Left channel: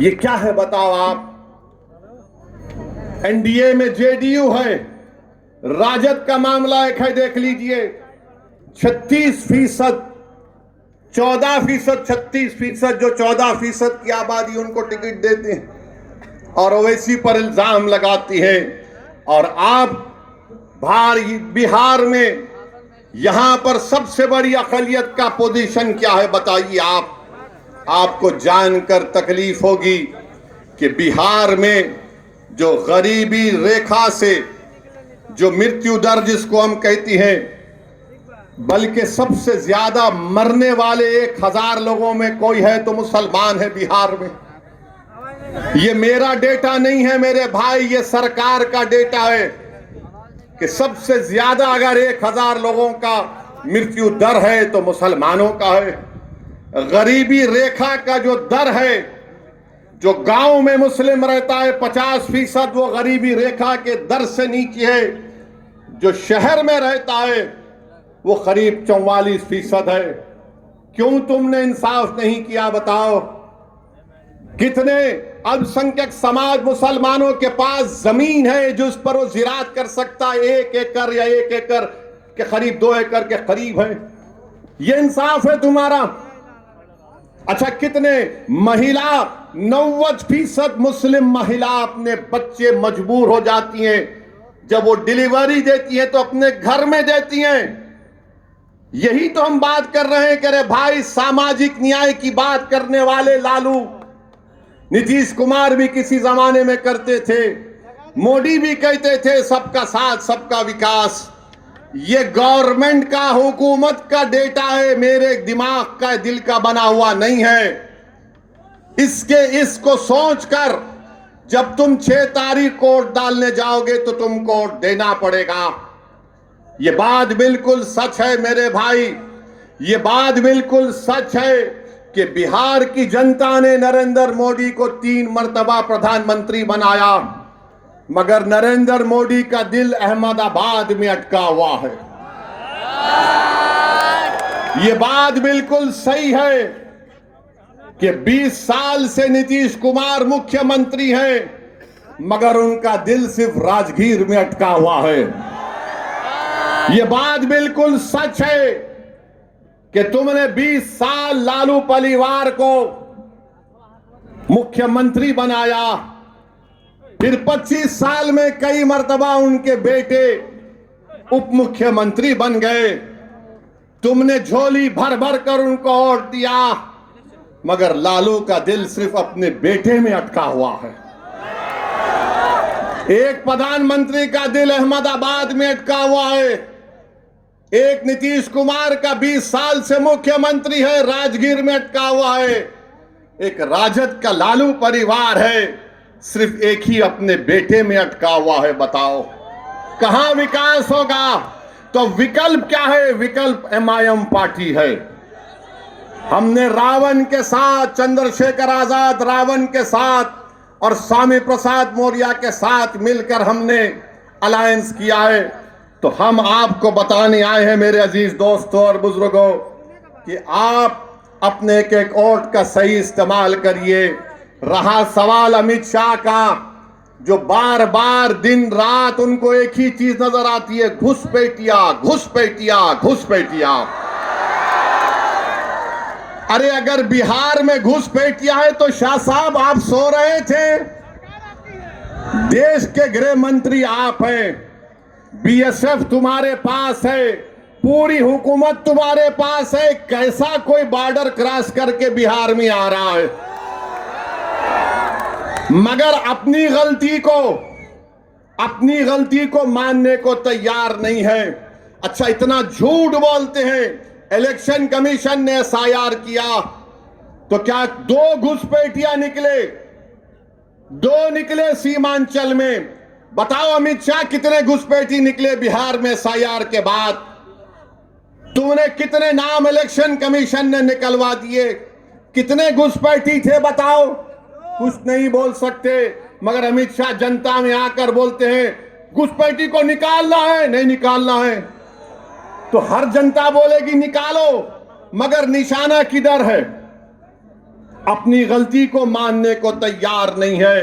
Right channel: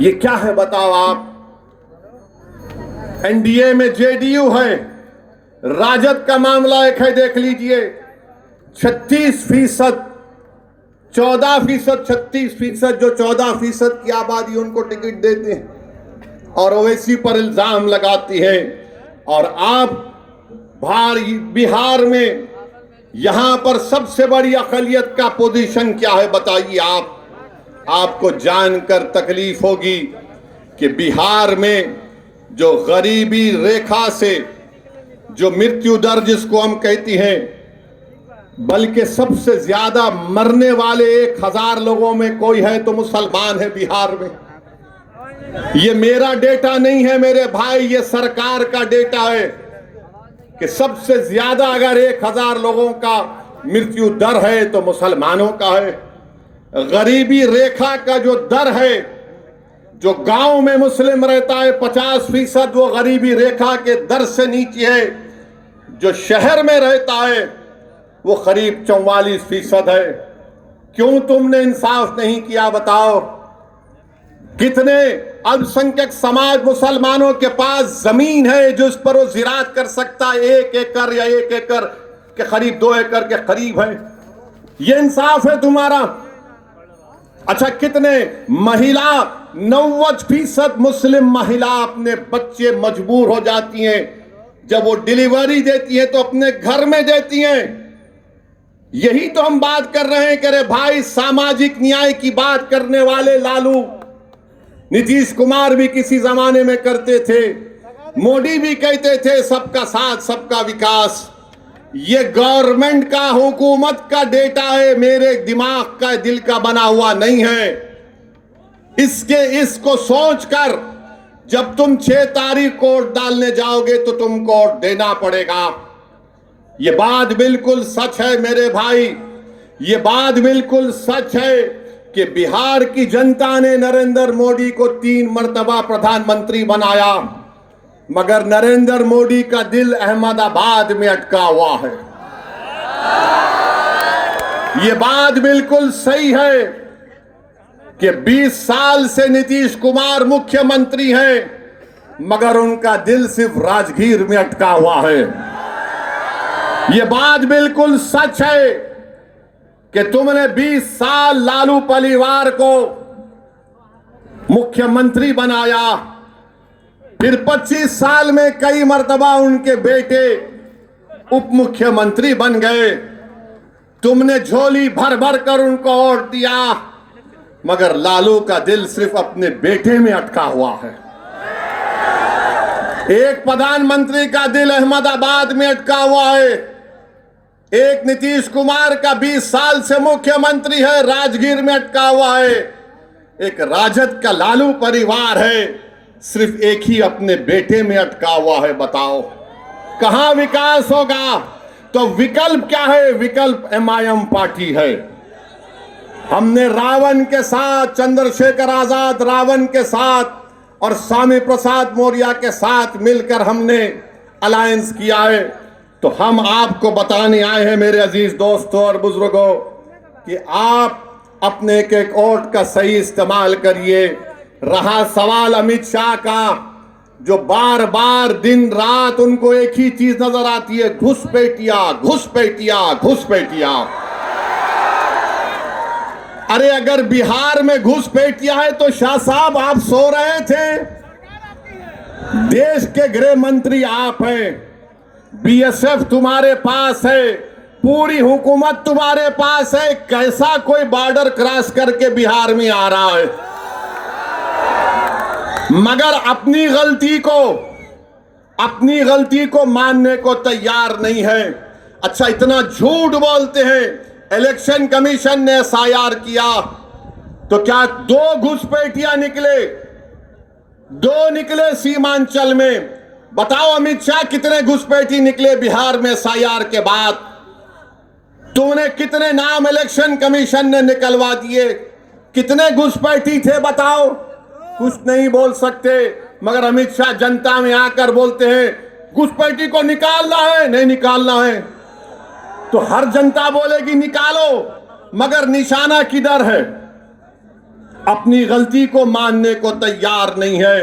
ये क्या है बताओ आप? एनडीए में जेडीयू है, राजद का मामला एक है, देख लीजिए। 36%, 14%, 36%, जो 14% की आबादी उनको टिकट देते हैं और ओवैसी पर इल्जाम लगाती है। और आप बिहार में यहां पर सबसे बड़ी अक़लियत का पोजीशन क्या है बताइए आप? आपको जानकर तकलीफ होगी कि बिहार में जो गरीबी रेखा से जो मृत्यु दर जिसको हम कहती हैं, बल्कि सबसे ज्यादा मरने वाले 1000 लोगों में कोई है तो मुसलमान है बिहार में। ये मेरा डेटा नहीं है मेरे भाई, ये सरकार का डेटा है कि सबसे ज्यादा अगर 1000 लोगों का मृत्यु दर है तो मुसलमानों का है। गरीबी रेखा का जो दर है, जो गांव में मुस्लिम रहता है 50%, वो गरीबी रेखा के दर से नीचे है। जो शहर में रहता है वो करीब 44% है। क्यों तुमने इंसाफ नहीं किया बताओ? कितने अल्पसंख्यक समाज मुसलमानों के पास जमीन है जो उस पर वो जिरात कर सकता है, 1 एकड़ या 1 एकड़ के करीब 2 एकड़ के करीब है। ये इंसाफ है तुम्हारा? अच्छा, कितने महिला 90% मुस्लिम महिला अपने बच्चे मजबूर हो जाती हैं, जब वो डिलीवरी देती है तो अपने घर में देती हैं। यही तो हम बात कर रहे हैं कि अरे भाई, सामाजिक न्याय की बात करने वाले लालू नीतीश कुमार भी किसी जमाने में करते थे, मोदी भी कहते थे सबका साथ सबका विकास। ये गवर्नमेंट का, हुकूमत का डेटा है, मेरे दिमाग का, दिल का बना हुआ नहीं है। इसको सोचकर जब तुम 6 तारीख को वोट डालने जाओगे तो तुमको वोट देना पड़ेगा। ये बात बिल्कुल सच है मेरे भाई, ये बात बिल्कुल सच है कि बिहार की जनता ने नरेंद्र मोदी को 3 मर्तबा प्रधानमंत्री बनाया, मगर नरेंद्र मोदी का दिल अहमदाबाद में अटका हुआ है। ये बात बिल्कुल सही है कि 20 साल से नीतीश कुमार मुख्यमंत्री हैं, मगर उनका दिल सिर्फ राजगीर में अटका हुआ है। ये बात बिल्कुल सच है कि तुमने 20 साल लालू परिवार को मुख्यमंत्री बनाया, फिर 25 साल में कई मर्तबा उनके बेटे उप मुख्यमंत्री बन गए। तुमने झोली भर भर कर उनको वोट दिया, मगर लालू का दिल सिर्फ अपने बेटे में अटका हुआ है। एक प्रधानमंत्री का दिल अहमदाबाद में अटका हुआ है, एक नीतीश कुमार का 20 साल से मुख्यमंत्री है, राजगीर में अटका हुआ है। एक राजद का लालू परिवार है, सिर्फ एक ही अपने बेटे में अटका हुआ है। बताओ कहां विकास होगा? तो विकल्प क्या है? विकल्प एमआईएम पार्टी है। हमने रावण के साथ, चंद्रशेखर आजाद रावण के साथ और स्वामी प्रसाद मौर्य के साथ मिलकर हमने अलायंस किया है। तो हम आपको बताने आए हैं मेरे अजीज दोस्तों और बुजुर्गों कि आप अपने एक वोट का सही इस्तेमाल करिए। रहा सवाल अमित शाह का, जो बार बार दिन रात उनको एक ही चीज नजर आती है, घुसपैठिया घुसपैठिया घुसपैठिया। अरे अगर बिहार में घुसपैठिया है तो शाह साहब आप सो रहे थे? देश के गृह मंत्री आप हैं, बीएसएफ तुम्हारे पास है, पूरी हुकूमत तुम्हारे पास है। कैसा कोई बॉर्डर क्रॉस करके बिहार में आ रहा है? मगर अपनी गलती को मानने को तैयार नहीं है। अच्छा, इतना झूठ बोलते हैं। इलेक्शन कमीशन ने एसआईआर किया तो क्या 2 घुसपैठिया निकले? 2 निकले सीमांचल में। बताओ अमित शाह, कितने घुसपैठी निकले बिहार में एसआईआर के बाद? तुमने कितने नाम इलेक्शन कमीशन ने निकलवा दिए? कितने घुसपैठी थे बताओ? कुछ नहीं बोल सकते, मगर अमित शाह जनता में आकर बोलते हैं घुसपैठी को निकालना है, नहीं निकालना है। तो हर जनता बोलेगी निकालो, मगर निशाना किधर है? अपनी गलती को मानने को तैयार नहीं है।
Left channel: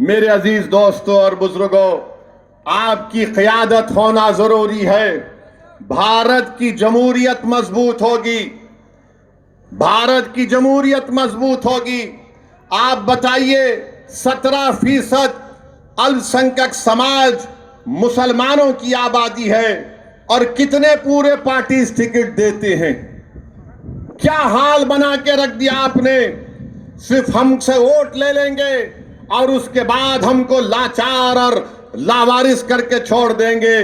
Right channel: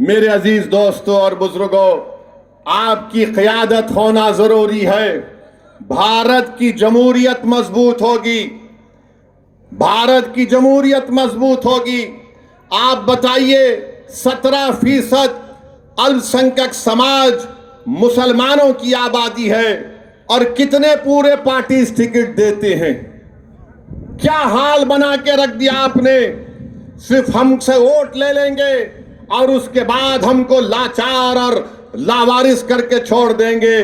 मेरे अजीज दोस्तों और बुजुर्गों, आपकी क़यादत होना जरूरी है। भारत की जमहूरियत मजबूत होगी, भारत की जमहूरियत मजबूत होगी। आप बताइए, 17% अल्पसंख्यक समाज मुसलमानों की आबादी है और कितने पूरे पार्टी टिकट देते हैं। क्या हाल बना के रख दिया आपने। सिर्फ हमसे वोट ले लेंगे और उसके बाद हमको लाचार और लावारिस करके छोड़ देंगे।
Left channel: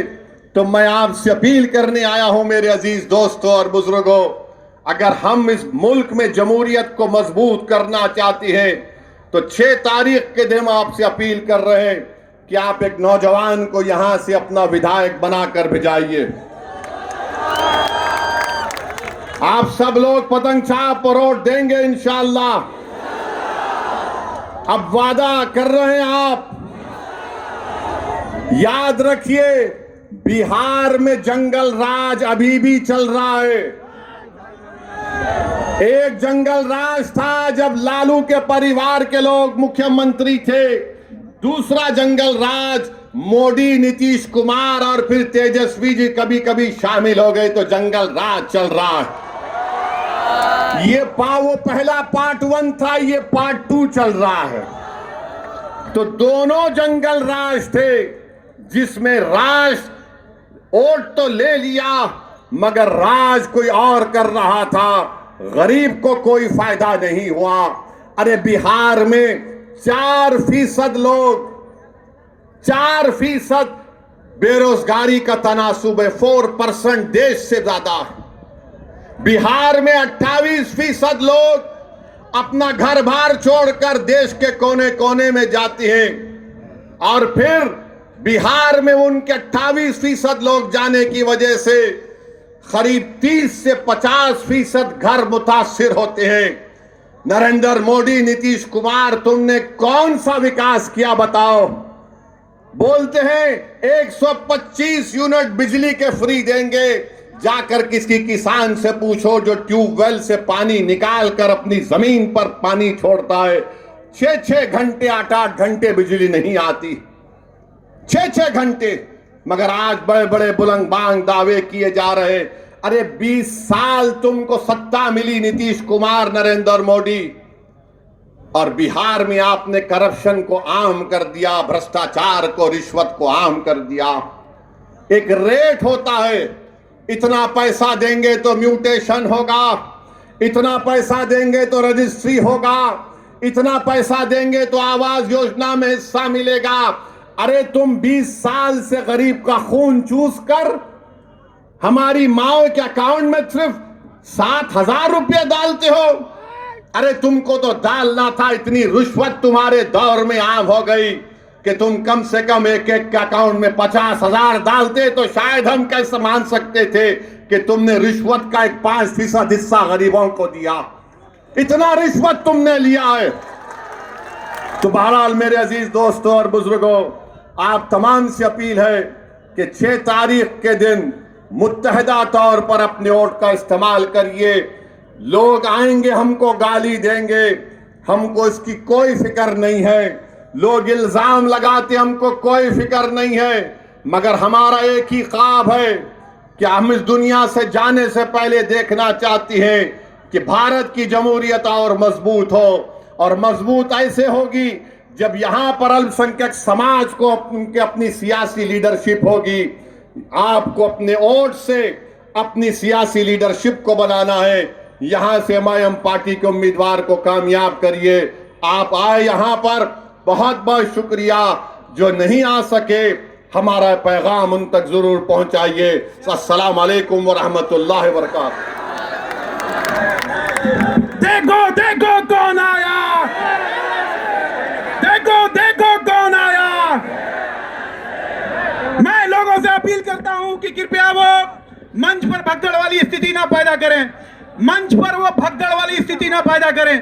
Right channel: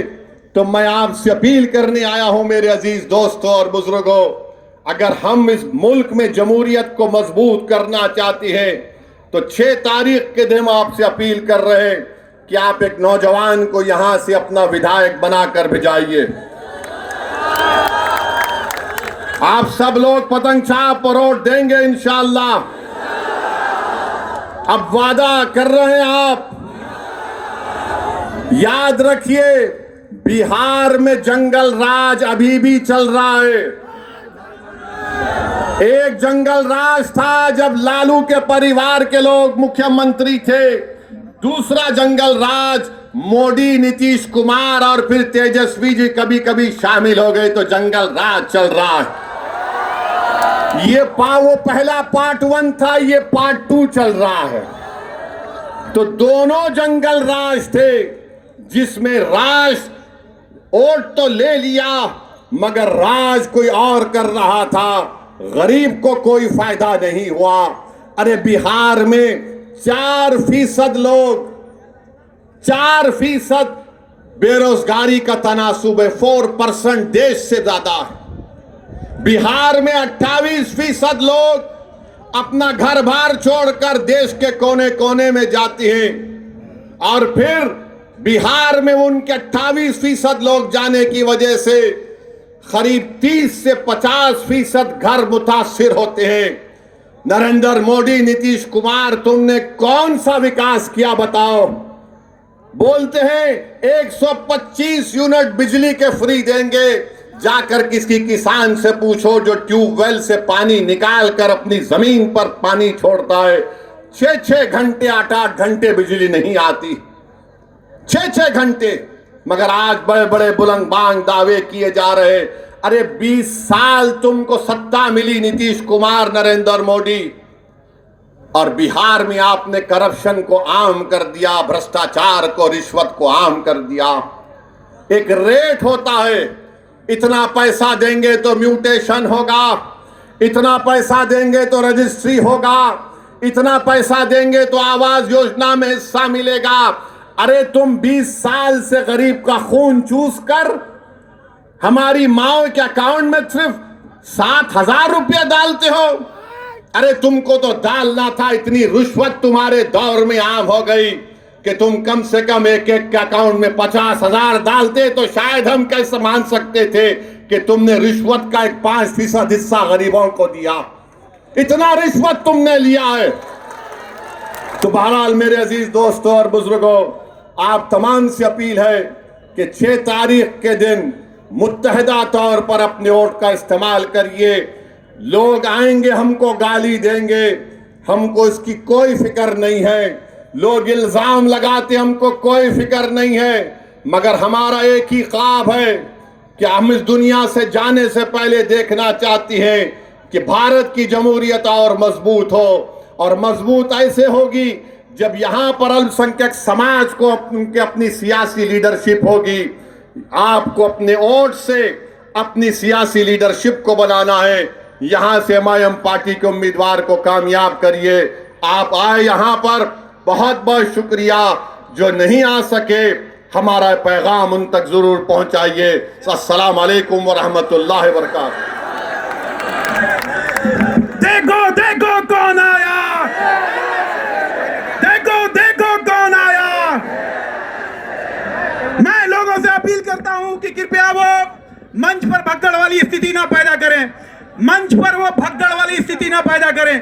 तो मैं आपसे अपील करने आया हूं मेरे अजीज दोस्तों और बुजुर्गों, अगर हम इस मुल्क में जमहूरियत को मजबूत करना चाहते हैं तो 6 तारीख के दिन आपसे अपील कर रहे हैं कि आप एक नौजवान को यहां से अपना विधायक बनाकर भिजाइए। आप सब लोग पतंग छाप पर वोट देंगे इंशाअल्लाह। अब वादा कर रहे हैं आप। याद रखिए, बिहार में जंगल राज अभी भी चल रहा है। एक जंगल राज था जब लालू के परिवार के लोग मुख्यमंत्री थे, दूसरा जंगल राज मोदी, नीतीश कुमार और फिर तेजस्वी जी कभी कभी शामिल हो गए तो जंगल राज चल रहा है। वो पहला पार्ट 1 था, ये पार्ट 2 चल रहा है। तो दोनों जंगल राज थे जिसमें राज वोट तो ले लिया मगर राज कोई और कर रहा था, गरीब को कोई फायदा नहीं हुआ। अरे बिहार में 4% लोग, 4% बेरोजगारी का तनासुब है, 4% देश से ज्यादा। बिहार में 28% लोग अपना घर बार छोड़कर देश के कोने कोने में जाते हैं और फिर बिहार में उनके 28% लोग जाने की वजह से करीब 30 से 50% घर मुतासिर होते हैं। नरेंद्र मोदी, नीतीश कुमार, तुमने कौन सा विकास किया बताओ। बोलते हैं 125 यूनिट बिजली के फ्री देंगे, जाकर किसी किसान से पूछो जो ट्यूबवेल से पानी निकाल कर अपनी जमीन पर पानी छोड़ता है, 6-6 घंटे 8-8 घंटे बिजली नहीं आती, 6-6 घंटे। मगर आज बड़े बड़े बुलंद बांग दावे किए जा रहे। अरे 20 साल तुमको सत्ता मिली नीतीश कुमार, नरेंद्र मोदी, और बिहार में आपने करप्शन को आम कर दिया, भ्रष्टाचार को, रिश्वत को आम कर दिया। एक रेट होता है, इतना पैसा देंगे तो म्यूटेशन होगा, इतना पैसा देंगे तो रजिस्ट्री होगा, इतना पैसा देंगे तो आवास योजना में हिस्सा मिलेगा। अरे तुम 20 साल से गरीब का खून चूस कर हमारी माओ के अकाउंट में सिर्फ 7,000 रुपया डालते हो। अरे तुमको तो डालना था, इतनी रिश्वत तुम्हारे दौर में आम हो गई कि तुम कम से कम एक के अकाउंट में 50,000 डालते तो शायद हम कैसे मान सकते थे कि तुमने रिश्वत का एक 5% हिस्सा गरीबों को दिया। इतना रिश्वत तुमने लिया है। तो बहरहाल मेरे अजीज दोस्तों और बुजुर्गों, आप तमाम से अपील है कि 6 तारीख के दिन मुत्तहदा तौर पर अपने वोट का इस्तेमाल करिए। लोग आएंगे, हमको गाली देंगे, हमको इसकी कोई फिक्र नहीं है। लोग इल्जाम लगाते, हमको कोई फिक्र नहीं है। मगर हमारा एक ही ख्वाब है कि हम इस दुनिया से जाने से पहले देखना चाहती हैं कि भारत की जमहूरियत और मजबूत हो, और मजबूत ऐसे होगी जब यहाँ पर अल्पसंख्यक समाज को उनके अपनी सियासी लीडरशिप होगी। आपको अपने वोट से अपनी सियासी लीडरशिप को बनाना है। यहाँ से एमआईएम पार्टी के उम्मीदवार को कामयाब करिए। आप आए यहाँ पर, बहुत बहुत शुक्रिया। जो नहीं आ सके, हमारा पैगाम उन तक जरूर पहुंचाइए। अस्सलाम वालेकुम व रहमतुल्लाहि व बरकातहू। देखो देखो कौन आया, देखो देखो कौन आया। मैं लोगों से अपील करता हूं कि कृपया वो मंच पर भगदड़ वाली स्थिति ना पैदा करें, मंच पर वो भगदड़ वाली स्थिति ना पैदा करें।